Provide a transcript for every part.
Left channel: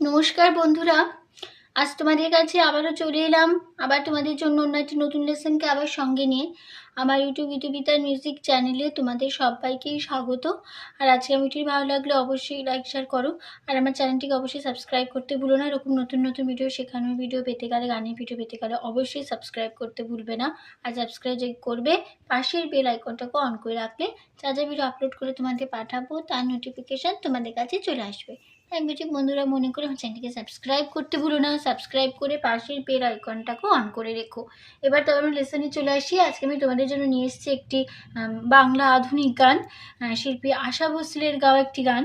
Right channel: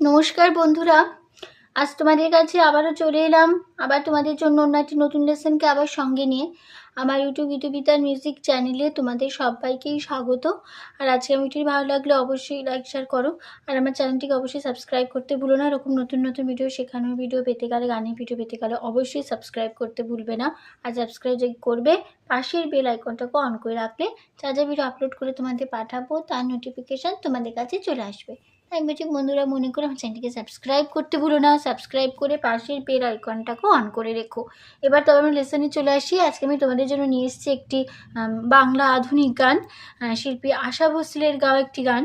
নমস্কার বন্ধুরা, আজ তোমাদের কাছে আবারও চলে এলাম। আবার তোমাদের জন্য অন্য একটি নতুন লেসনকে আবার সঙ্গে নিয়ে আমার ইউটিউবিতার মিউজিক চ্যানেলে তোমাদের সবাইকেই স্বাগত। আর আজকে ভিডিওটি ভালো লাগলে অবশ্যই লাইক শেয়ার করো, আর আমার চ্যানেলটিকে অবশ্যই সাবস্ক্রাইব করতে ভুলো না। এরকম নতুন নতুন ভিডিও, শেখানোর ভিডিও পেতে গেলে, গানের ভিডিও পেতে গেলে অবশ্যই সাবস্ক্রাইব করতে ভুলবে না। আর সাবস্ক্রাইব যে করবে, পাশের বেল আইকনটাকে অন করে রাখলে যা যা ভিডিও আপলোড করে তোমাদের পাঠাবো তার নোটিফিকেশান তোমাদের কাছে চলে আসবে। তাই বলছি বন্ধুরা, মনে করে আমার চ্যানেলটিকে সাবস্ক্রাইব করতে ভুলো না। সাবস্ক্রাইব করে পাশের বেল আইকনটাকে অন করে রেখো। এবার তো আমরা লেসনে চলে আসি। আজকে আমি তোমাদের জন্য নিয়ে এসেছি একটি বাংলা আধুনিক গান, শিল্পী আশা ভোসলের গাওয়া একটি গান।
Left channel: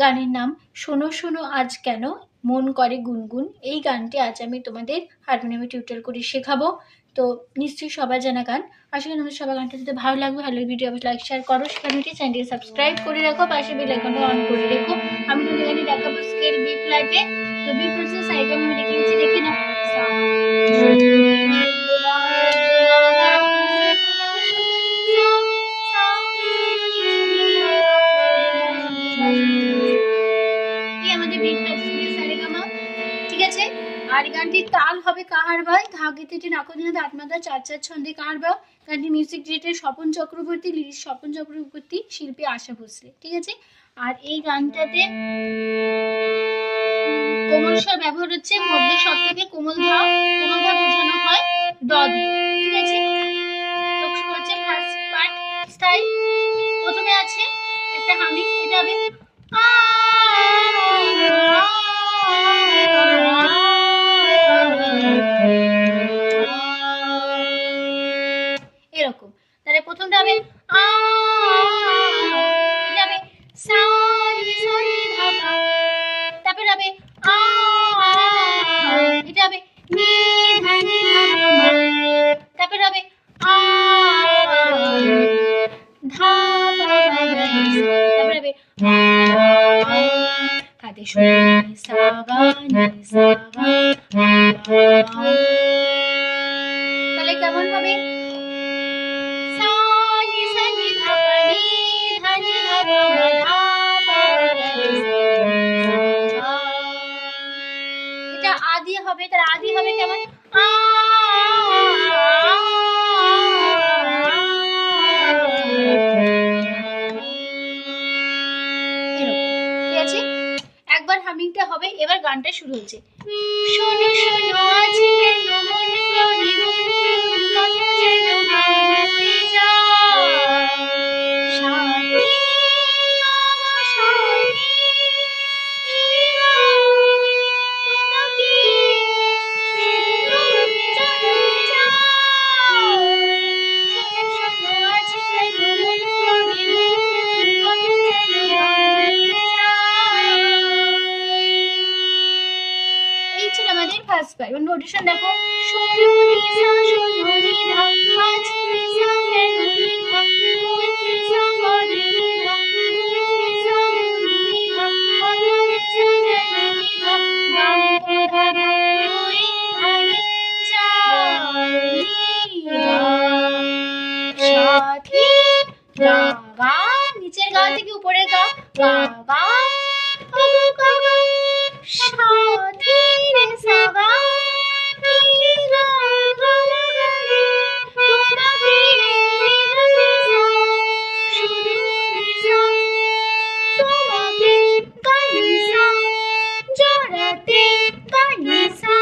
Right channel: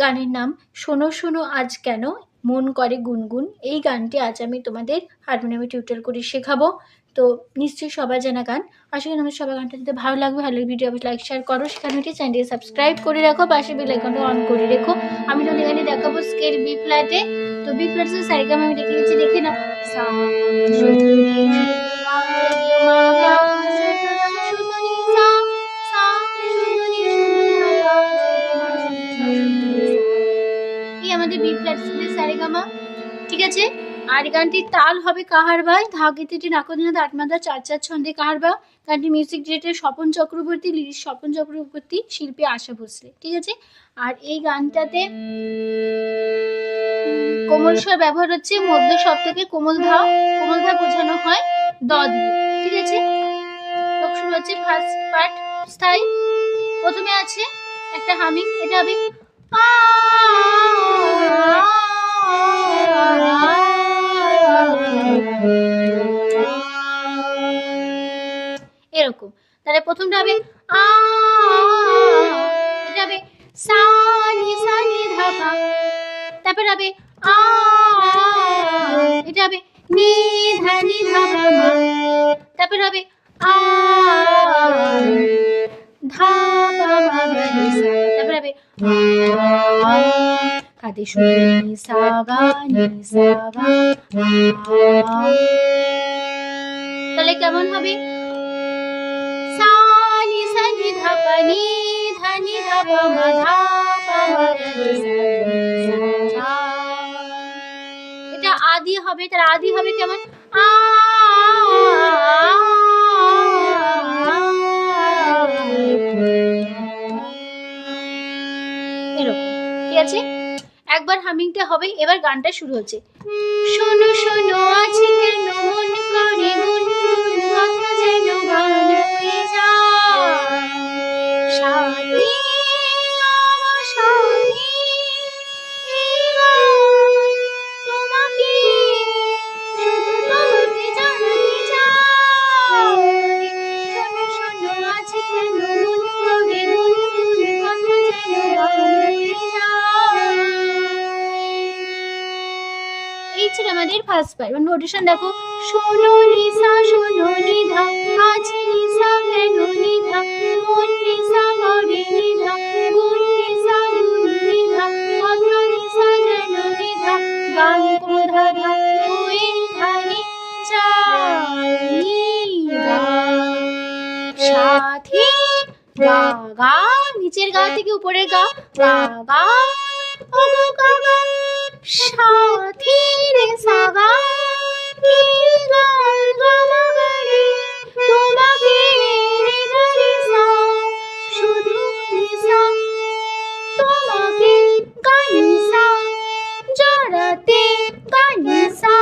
গানের নাম শোনো শোনো আজ কেন মন করে গুনগুন। এই গানটি আজ আমি তোমাদের হারমোনিয়ামে টিউটোরিয়াল করে শেখাবো। তো নিশ্চয়ই সবাই জানা গান। আশা করি তোমাদের সবার গানটা যদি ভালো লাগবে, ভালো ভিডিও অবশ্যই লাইক শেয়ার করো, শেখানোটি চ্যানেলটি সাবস্ক্রাইব করে রাখো, পাশে বেল আইকনটা অন করে রেখো। আমি তোমাদের এখানে দেখাবো স্কেল বি ফ্ল্যাটে। তো বি ফ্ল্যাটে সারিগাম আমি দেখে নিচ্ছি, দেখে না। আমাদের বি ফ্ল্যাট সারিগামা, ঠিক আছে। আর গানটির তাল হবে কাহারবাই, ধাগিতে নাকদিনা আটমাদা 4/4 ছন্দে কাহারবা। গানটি music director Swapan Chakraborty, lyrics Swapan Chakraborty, শিল্পী আশা ভোসলে, ঠিক আছে। আর এই গানটাতে কোমল স্বর ব্যবহার হচ্ছে, মধ্য সপ্তকে কোমল ধা বোঝানো হয় দ দিয়ে, ঠিক আছে। শুরু হচ্ছে ফার্স্ট পার্ট স্থায়ী। প্রথমে আছে একটা হামিং, এটা হবে এরকম। তাহলে প্রথমটা হবে এটা হবে সা নি সা নি ধা পা। তারপর হবে এটা হবে নি ধা নি ধা পা। তারপর হবে ধা পা মা নি সা। তারপর হবে কাতে শুনি সা গা নি সা গা। তাহলে কেমন হবে? এটা আদি হবে, তার আদি হবে কেমন? ঠিক আছে, একবার হামিংটা হবে। এবার গানটা শুরু হচ্ছে। শোনো শোনো আজ কেন মন করে গুনগুন, কথা যেন গান হয়ে যায়। সাথী আমার সাথী, তোমাকে শুধু জানতে চাই। শোনো শোনো আজ কেন মন করে গুনগুন, কথা যেন গান হয়ে যায়। এই ছিল আমাদের ফার্স্ট পার্ট। নোটেশন দেখো, শোনো নি সা শোনো নি ধা, আজ নি সা কেন নি ধা, মন নি সা করে নি ধা, গুন নি সা গুন নি ধা, কথা নি সা যেন নি ধা, গান পো ধা ধা ওই ধানি চাই গা। সাথী গা গা, নিচের গা থেকে উপরের গা, গা গা ও গা গা, সাথী রে সা গা, কি গা গা মা গা রে, তোমাকে রে রে সা, শুধু নি সা, তোমাকে গা নি সা, জড়াতে গা নি সা,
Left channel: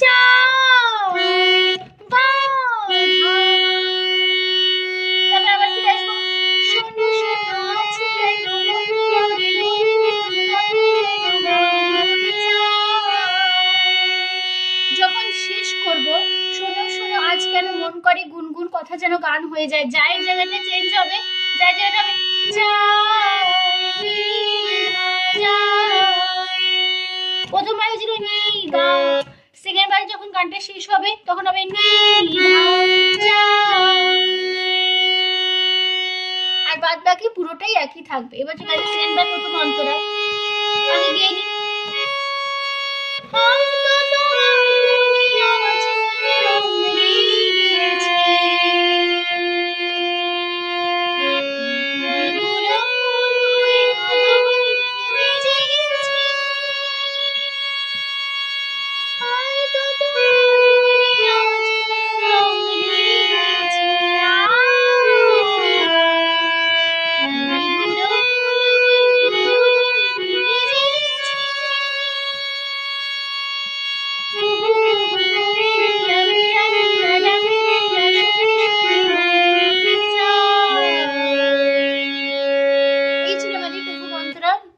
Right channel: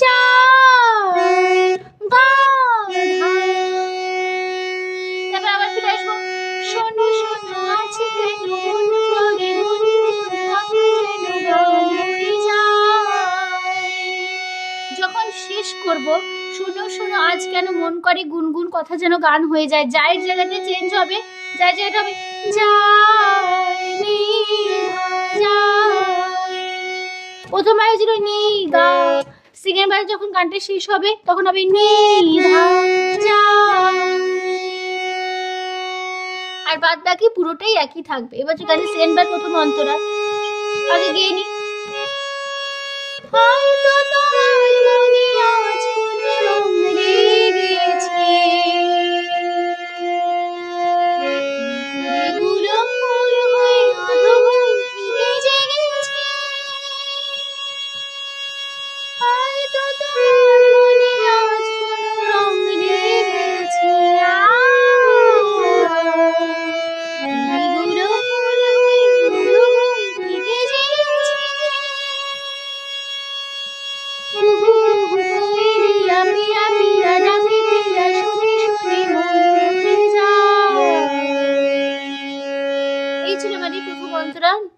চাই গা ধা। তারপর আবার ফিরে আসবো। শোনো শোনো আজ কেন মন করে গুনগুন, কথা যেন গান হয়ে যায়। যখন শেষ করব, শোনো শোনো আজ কেন মন করে গুনগুন, কথা যেন গান হয়ে যায়, যায়ের জায়গাটা চেঞ্জ হবে, যায়ের জায়গাটা হবে প্রথমবার হয়েছিল নি গা, সেকেন্ড বারে যখন গানটা শেষ হবে তখন হবে নি ধা। আর বাদ বাকি পুরোটাই একই থাকবে। এবার যে গানের সেকেন্ড বার প্রথম অন্তরা আগে গিয়ে নি।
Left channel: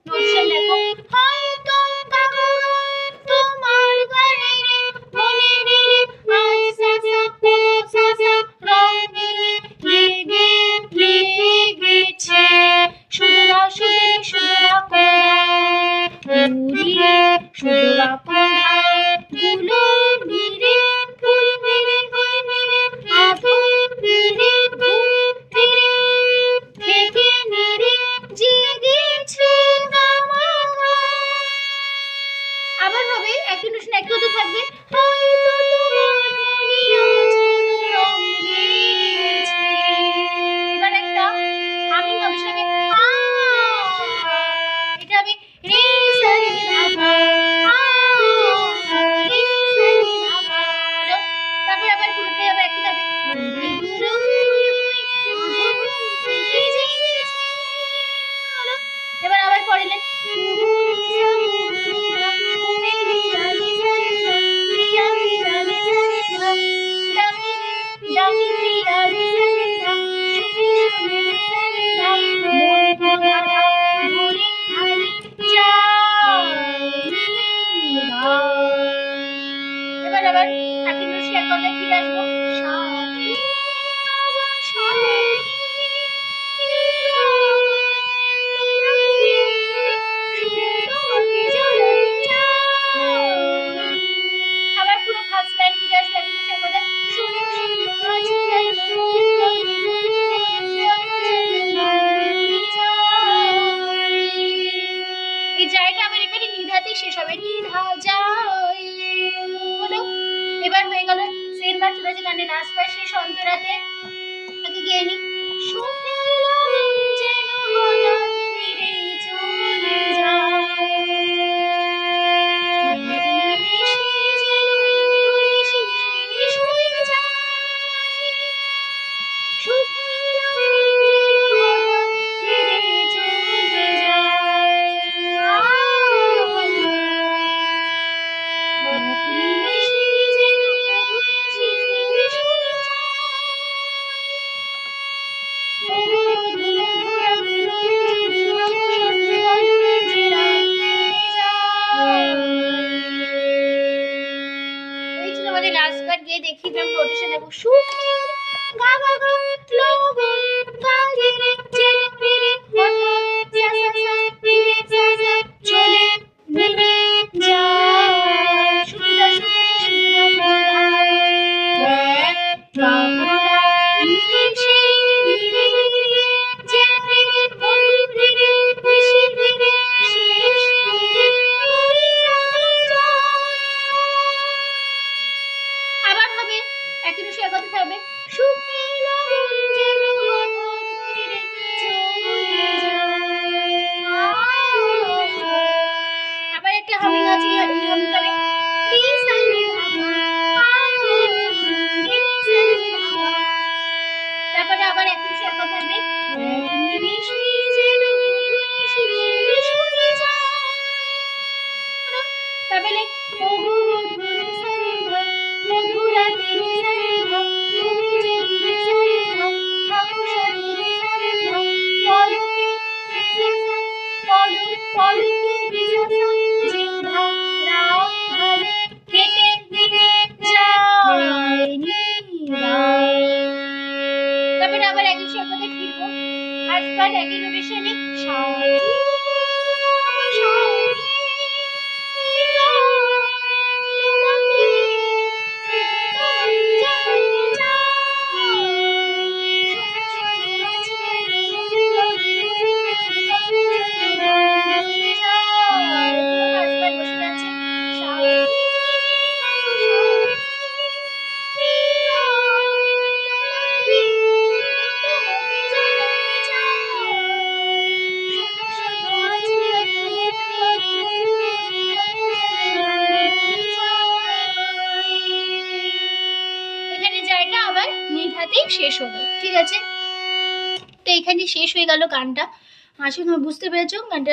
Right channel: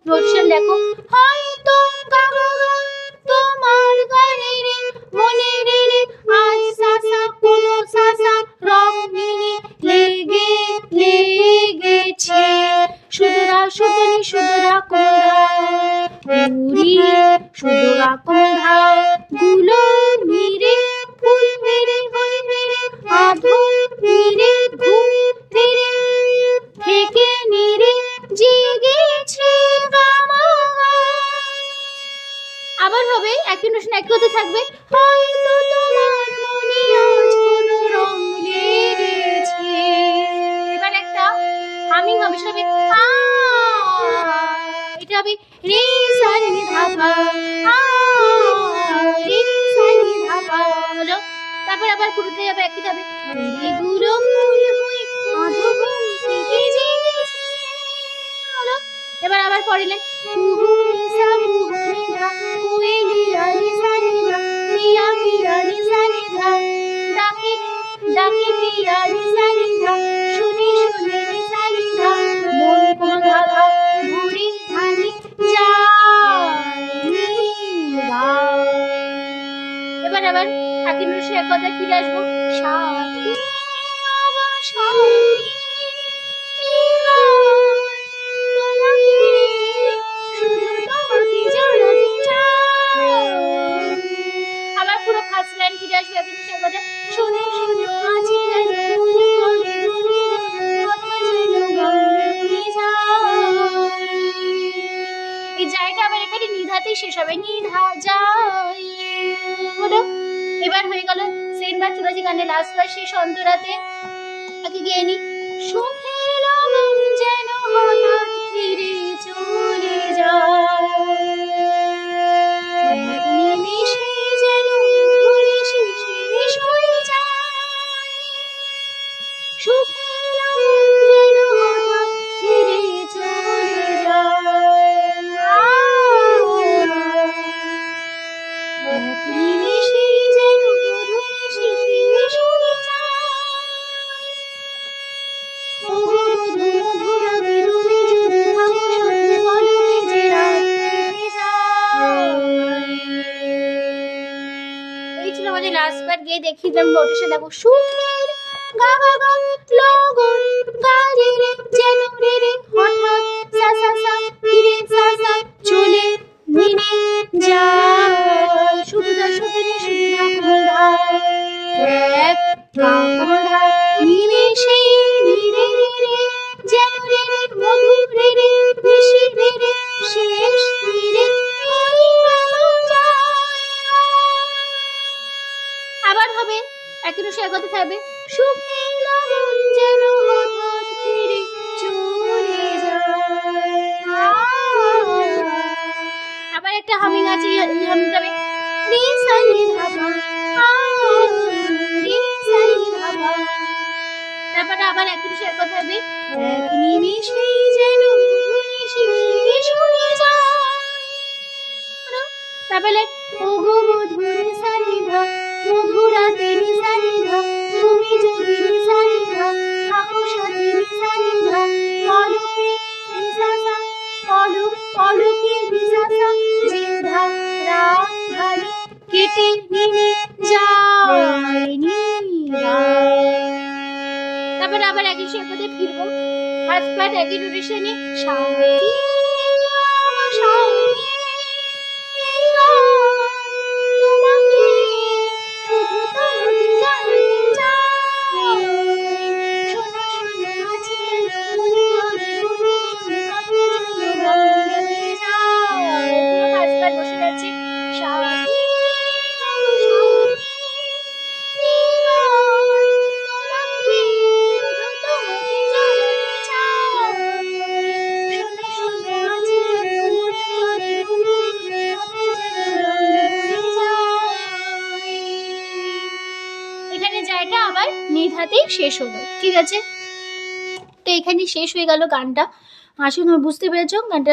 নোটেশন দেখো, হয়তো তোমার গানে রে মনে রে আজ সাসা কোনো সাসা রং লেগে লেগেছে, সুদরা সুদরি সুদরা কোনা সুদরা কোনা গুলো মেরে ফুল মেরে হয়ে মেরে আধো মেরে ঘুম ফিরে থেকে মেরে জেগেছে গামা। আবার হবে একই নোটেশন একই হতে থাকবে, হয়তো তোমার মনে আজ কোনো রং লেগেছে। এবার একটা হামিং হবে, সেটা হবে এটা হবে রে সা নি ধা পা, রে সা নি ধা পা। তারপর আবার পুরোটাই হবে একই হবে, এগুলো ফুল হই আধো ঘুম থেকে জেগেছে। এবার আবার পড়লেন এবার আবার একই নোটেশনের কথায় ফিরে আসবো, সাথী আবার পুরো ফার্স্ট লাইন ফিরে আসবে একই নোটেশনের কথায়, শোনো শোনো আজ কেন এই জায়গাটা আবার এখানে নিধাতেই শেষ হবে, নিধা যায় হলো। এবার হয়ে গেল সেম বার, চলে যে গানের লাস্ট বার শেষ অন্তরাতে আগে গিয়ে নি, সুখের লগন যেন হঠাৎ ফিরে চলে যায়, নিমেষে যেন নিমেষে শেষ হয়ে যায়, সুখের লগন যেন হঠাৎ ফিরে চলে যায়, নিমেষে যেন নিমেষে শেষ হয়ে যায়। এই ছিল আমাদের লাস্ট বার, গিয়ে দেখি নোটেশন দেখো, সুখের গা গা গা লগন গা রে রে যেন রে রে হঠাৎ সা সা সা ফিরে সা সা চলে মিলে যায়, সুদরা সুদরি সুদরা কোনা নিমেষে নিরে নিরে যেন রে রে মধুর রে রে মিশে রে রে শেষ নিরে আবার হবে একই নোটেশনের কথা থাকবে, সুখের লগন যেন হঠাৎ ফিরে চলে যায়। আবার একটা হামিং আছে, হামিং হবে রে সা নি ধা পা, রে সা নি ধা পা। তারপরে আবার একই নোটেশনের কথা থাকবে, নিমেষে যেন নিমেষে শেষ হয়ে যায়। তারপরে ওগো মধুর সা নি ধা মধুরাতে রে সা নি ধা, তুমি যদি রে সা নি ধা থাকো সাথে রে সা নি ধা, পলকে রে সা সা পলকে রে সা সা জিন্ধা রাত ধারে কেটে নিয়ে যায় নিরা। তারপরে আবার একই সাথে ফিরবো, ফার্স্ট পার্ট একই নোটেশনে, সাথী সাথী নিধাতেই শেষ হলো, ঠিক আছে। তো এখানে শেষ হয়ে গেল গানটা। আসলে তোমরা বুঝতে পেরেছো গানটা,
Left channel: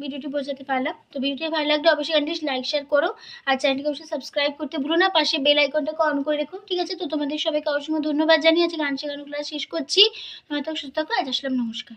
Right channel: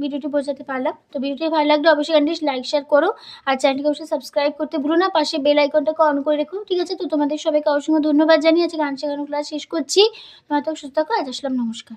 ভিডিওটি বোঝাতে পারলাম। তো ভিডিওটি ভালো লাগলে অবশ্যই গানটি লাইক শেয়ার করো, আর চ্যানেলটিকে অবশ্যই সাবস্ক্রাইব করতে ভুলো না, পাশে বেল আইকনটাকে অন করে রেখো, ঠিক আছে। তো তোমাদের সবাইকে অসংখ্য ধন্যবাদ জানিয়ে আজকে গান শেখানো ক্লাস শেষ করছি। তোমার তো সুস্থ থাকো, আজ আসলাম, নমস্কার।